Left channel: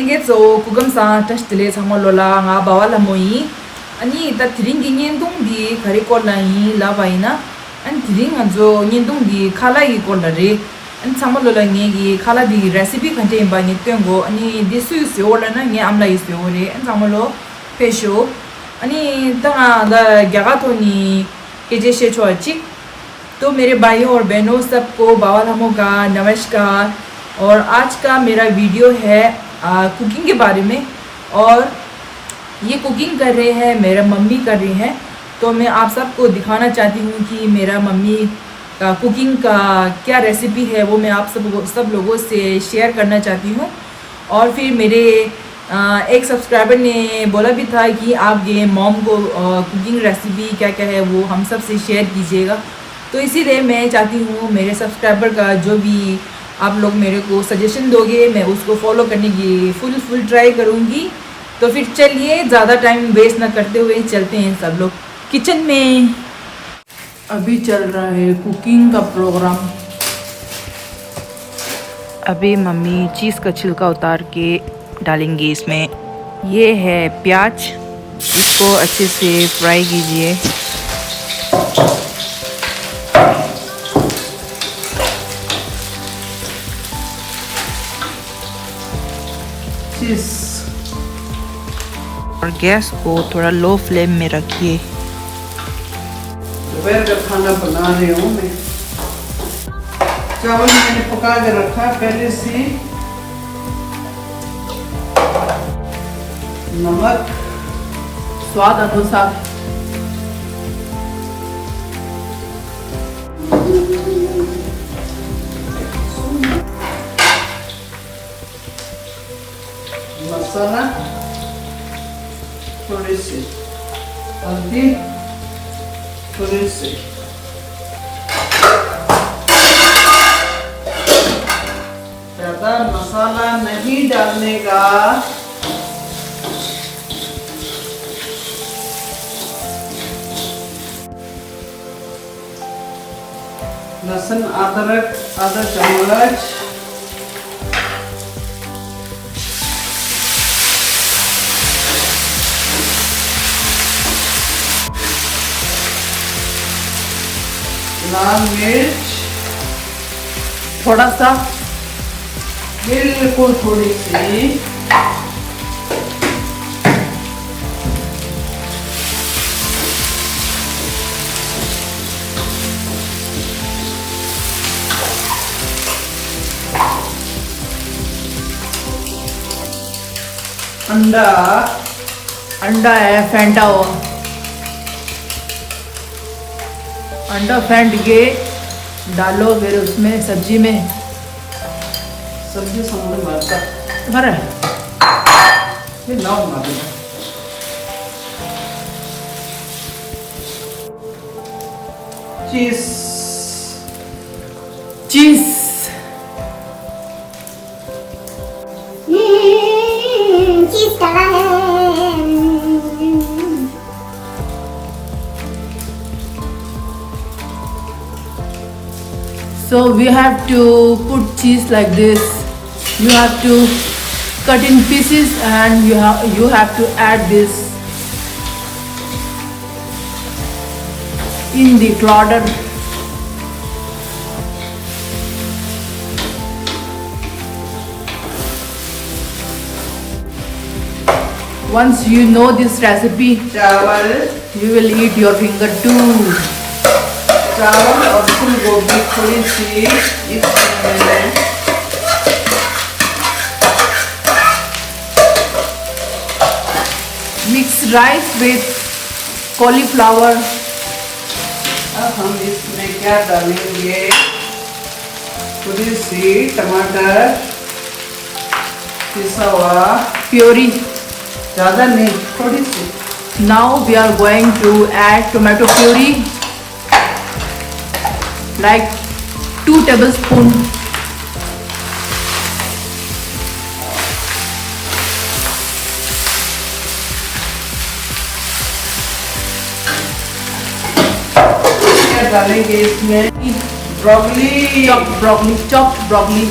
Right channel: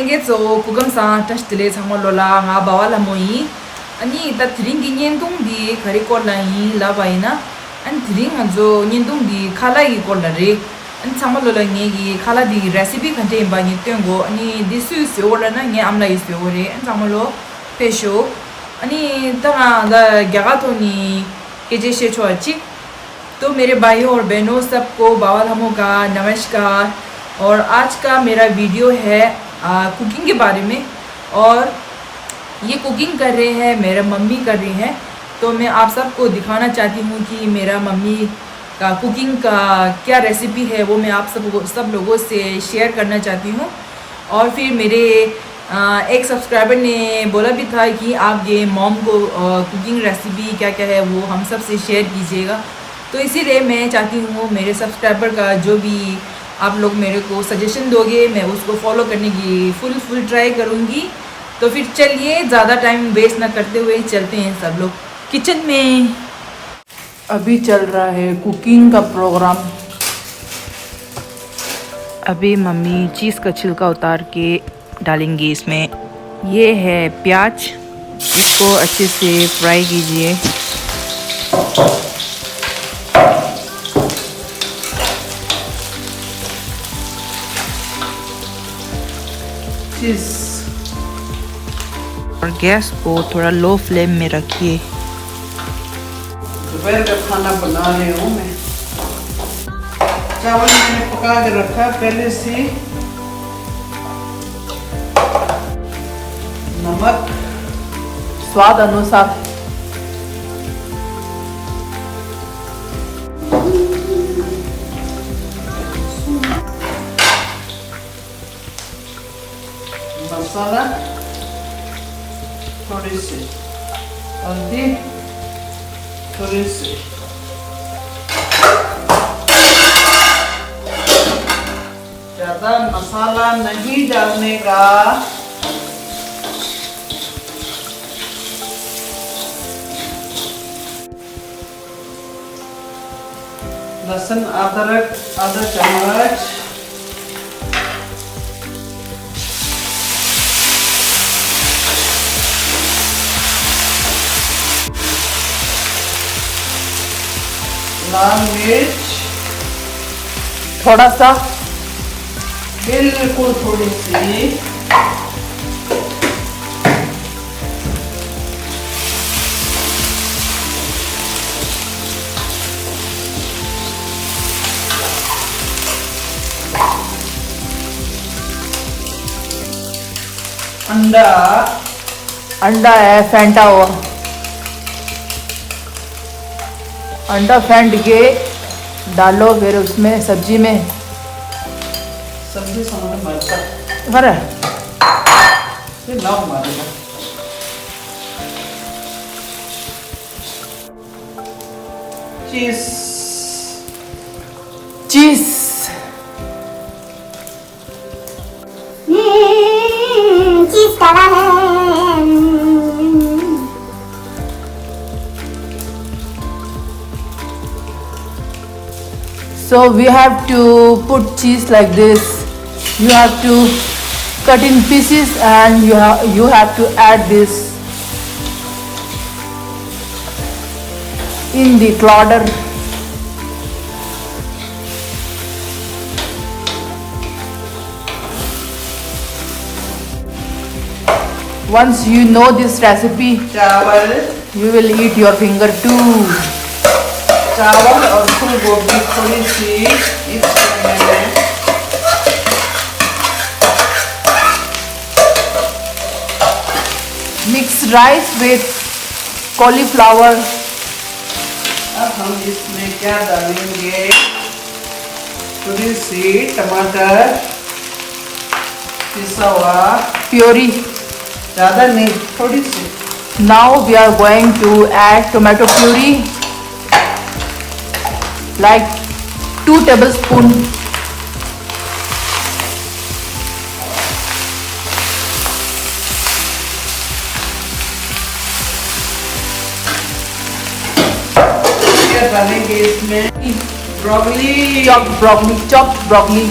Tenge so kugam sa tas tele sama lola nga bawala moi ani ta thring gi nyendung di khari ko lai la baina an thring anjo nyendung di khala gi ko la re an sama lola nge gi khala di recipe khante ba ni tengo ani disu se ola na nge amla is re an sama lo pesho ani ta da gyaga to ni keje she chochi तो मेरे भाइयों और बहनों सबको बावल हमों का नमस्कार। और आज का मेरा वीडियो है कुकिंग के बारे में और ये कुकिंग कर रहे हैं मेरा मम्मी कर रही हैं। तो मैं आप सबको दिखाना चाहती हूँ कि मेरा मम्मी का कुकिंग का क्या रेसिपी है वो मैं आप सब लोगों से शेयर करना चाहती हूँ। और फिर मेरे एक सब्सक्राइबर ने बोला भी था कि आप ये मॉम को कुकिंग रेसिपी क्या क्या है वो हम सब से शेयर कीजिएगा। तो इसीलिए मैं चाहती हूँ मेरे सब्सक्राइबर का जो भी आप लोग मेरे को सजेशन दोगे मैं उसको फॉलो करने की फुल ट्राई करूँगी। तो फिर चलिए ज़्यादा टाइम वेस्ट ना करते हुए चलते हैं सब लोग किचन में। अभी चल रहा है कुकिंग का प्रोग्राम। अभी मम्मी चीज़ का छिलका उतार के डालेंगी इसमें। ये है प्याज, इसको अच्छे से फ्राई कीजिए। और गैस को थोड़ा लो फ्लेम में रखिए। दोपहर का खाना बना रही हूँ मैं। चावल मैंने पका के रखा पहले से। नमक स्वाद अनुसार। मसाला थोड़ी सी हल्दी थोड़ी सी ज्यादा मसाला नहीं डालने का। लहसुन अदरक आधा चम्मच। लाल मिर्च थोड़ा सा, बिल्कुल थोड़ी सी। अंडा है फेंटा हुआ। अंडा फेंट के डालो फिर उसमें सब्जी में। सब्जी संग मारता भरा फिर लाओ मारेगा। चीज चीज चीज कड़ा है। So we have to put cheese like this. You have to cut in pieces and you have to add this in the clodder. Once you know this recipe, चावल we will eat your finger too. चावल और फूल गोभी थोड़ी सी इसमें मैंने Mix rice with cauliflower. अब हम इसमें क्या डालेंगे? थोड़ी सी टमाटर पिसा हुआ, Puree. ज़्यादा नहीं थोड़ी सी। Now we are going to add tomato puree, like 2 tablespoons. डालेंगे इसमें chopped broccoli.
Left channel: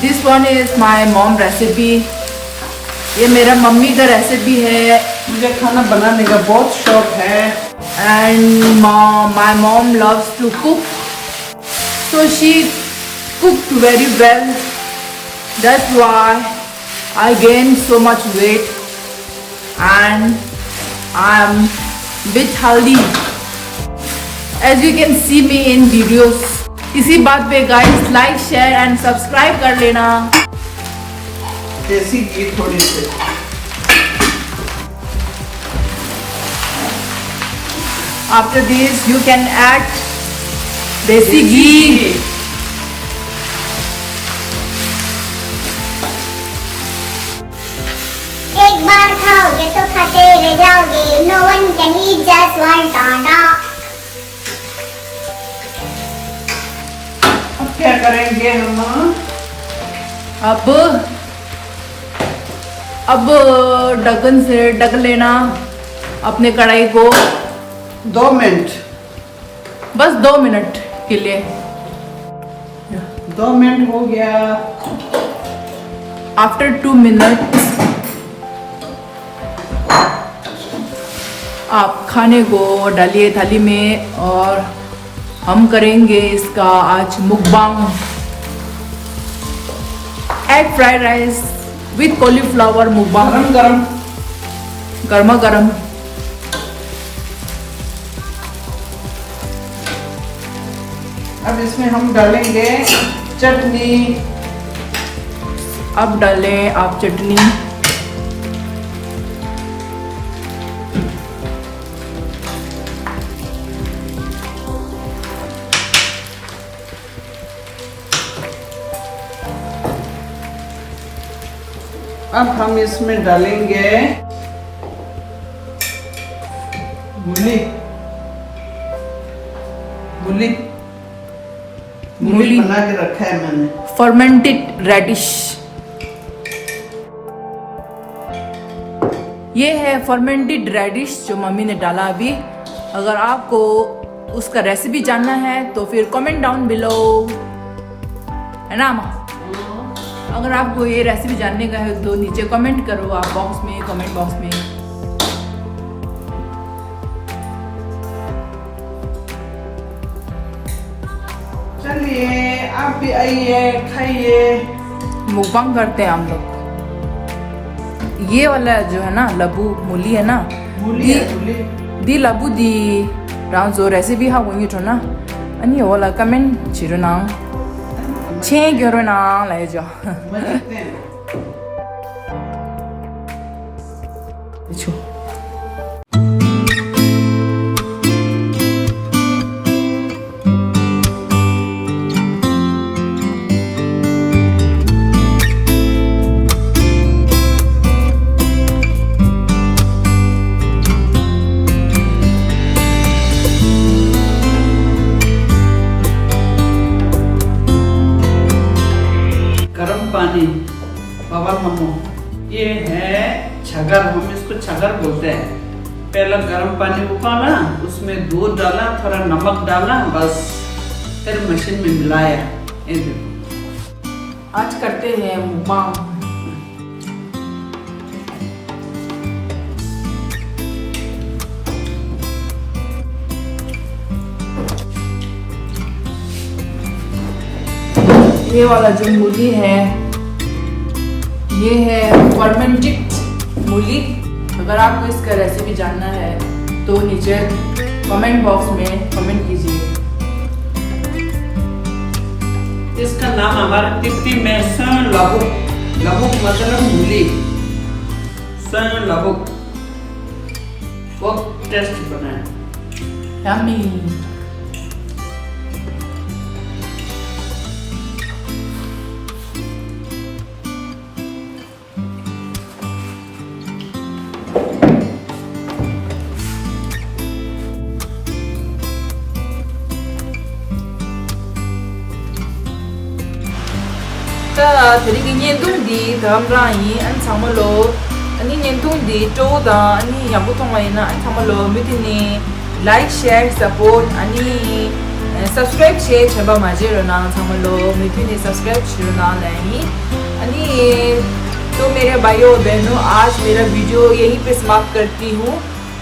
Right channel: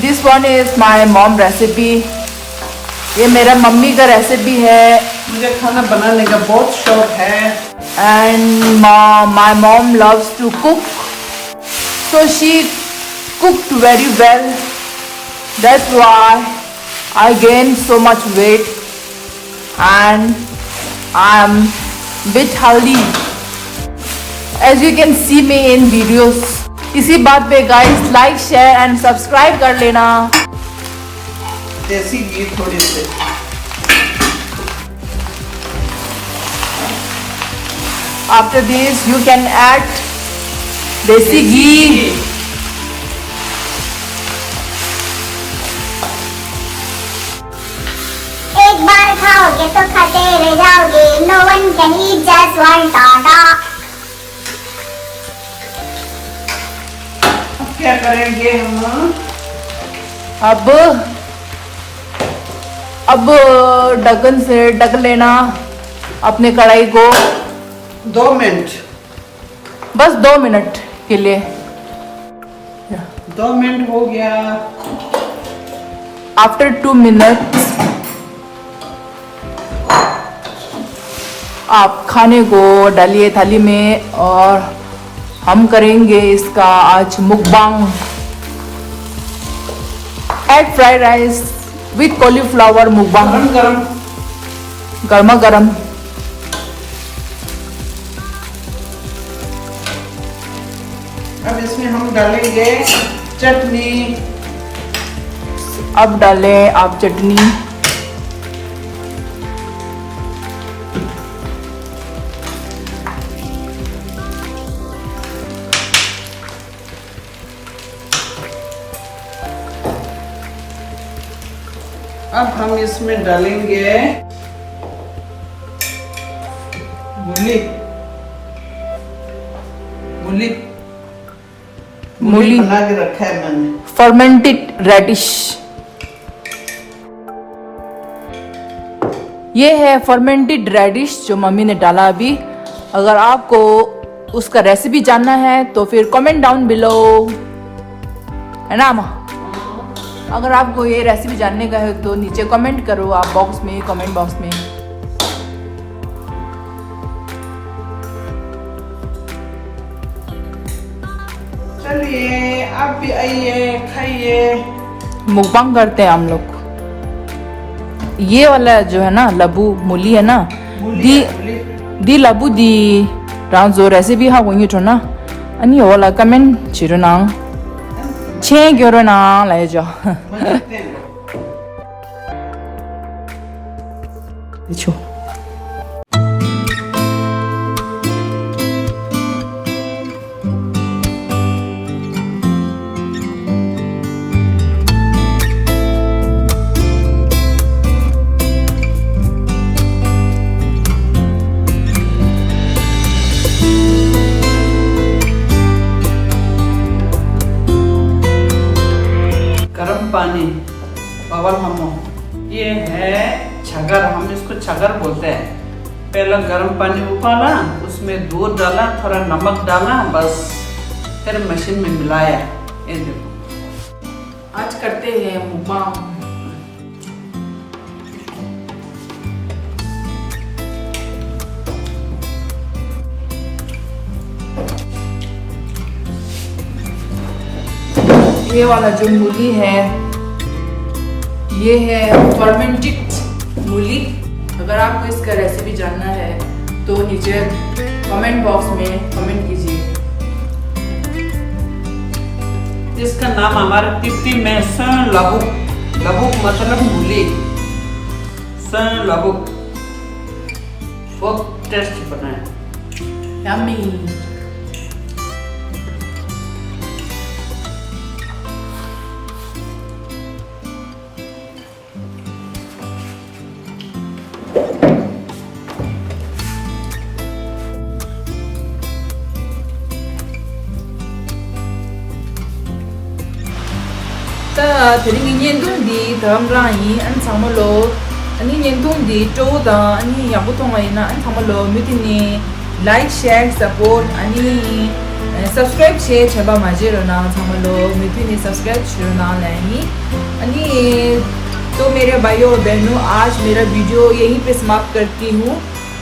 This one is my mom recipe. ये मेरा मम्मी का रेसिपी है. मुझे खाना बनाने का बहुत शौक है. And my mom loves to cook. So she cooked very well. That's why I gained so much weight. And I'm bit healthy. As you can see me in videos. इसी बात पे guys like share and subscribe कर लेना. देसी घी थोड़ी सी. After this you can add देसी घी. एक बार खाओगे तो खाते रह जाओगे. No one can eat just one Tata. क्या करेंगे हम? अब ढक्कन से ढक लेना अपने कढ़ाई को. 2 मिनट. बस 2 मिनट के लिए. 2 मिनट हो गया. आफ्टर 2 मिनट्स आप खाने को डालिए थाली में और हम करेंगे इसका आज mukbang. Egg fried rice with cauliflower mukbang. गरम गरम. गर्मा गर्म. अब इसमें हम डालेंगे चटनी. अब डालें आप चटनी. अब हम इसमें डालेंगे मूली. मूली मूली बना के रखा है मैंने. Fermented radish. ये है फर्मेंटेड रेडिश जो मम्मी ने डाला अभी. अगर आपको उसका रेसिपी जानना है तो फिर कमेंट डाउन बिलो, है ना अम्मा? अगर आपको ये रेसिपी जानने का है तो नीचे कमेंट करो आप बॉक्स में, कमेंट बॉक्स में. चलिए आप भी आइए खाइए. मुकबांग करते हैं हम लोग. ये वाला जो है ना लबू मूली है ना, मूली दी लबू दी रांझो रेसिपी हाँ वही जो ना अन्य वाला कमेंट चिरो ना छे क्यों ना ले जाओ. देखो पानी पवन हमो. ये है छगर. हम इसको छगर बोलते हैं. पहला गर्म पानी उबाला, उसमें दूध डाला, थोड़ा नमक डाला, बस फिर मशीन में मिलाया. ये देखो आज करते हैं मुकबांग. ये वाला जो मूली है ये है फर्मेंटेड मूली. अगर आपको इसका रेसिपी जानना है तो नीचे कमेंट बॉक्स में कमेंट कीजिए. इसका नाम हमारे तिब्बती में सन लबुक. लबुक मतलब मूली. सन लबुक बहुत टेस्टी बना है. Yummy. ta thiri ngi nyen dung di thram rai an samalo ani nyen dung di to da ani yabu tong ai na an samalo mitini like share support ani subscribe che chaba majero na thamalo mitini subscribe chiro na lahi अनि तो मेरे भाइयों और बहनों आज मेरा video यहीं पे समाप्त करती हूँ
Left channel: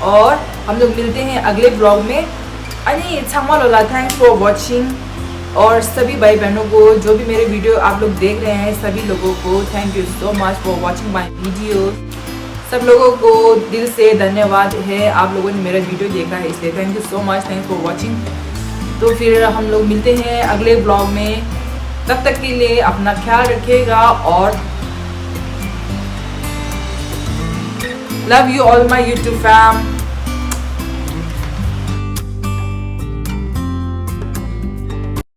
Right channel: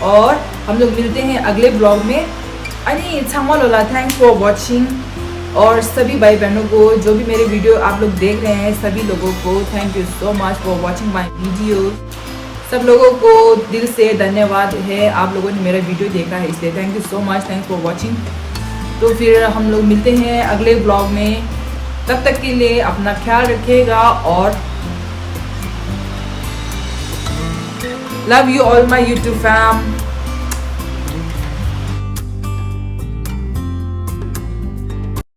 और हम लोग मिलते हैं अगले ब्लॉग में। अनि छांगवालोला थैंक्स फॉर वॉचिंग और सभी भाई बहनों को जो भी मेरे वीडियो आप लोग देख रहे हैं सभी लोगों को thank you so much for watching my video. सब लोगों को दिल से धन्यवाद है, आप लोगों ने मेरा वीडियो देखा है इसलिए thank you so much, thanks for watching. तो फिर हम लोग मिलते हैं अगले ब्लॉग में, तब तक के लिए अपना ख्याल रखिएगा और love you all my YouTube fam.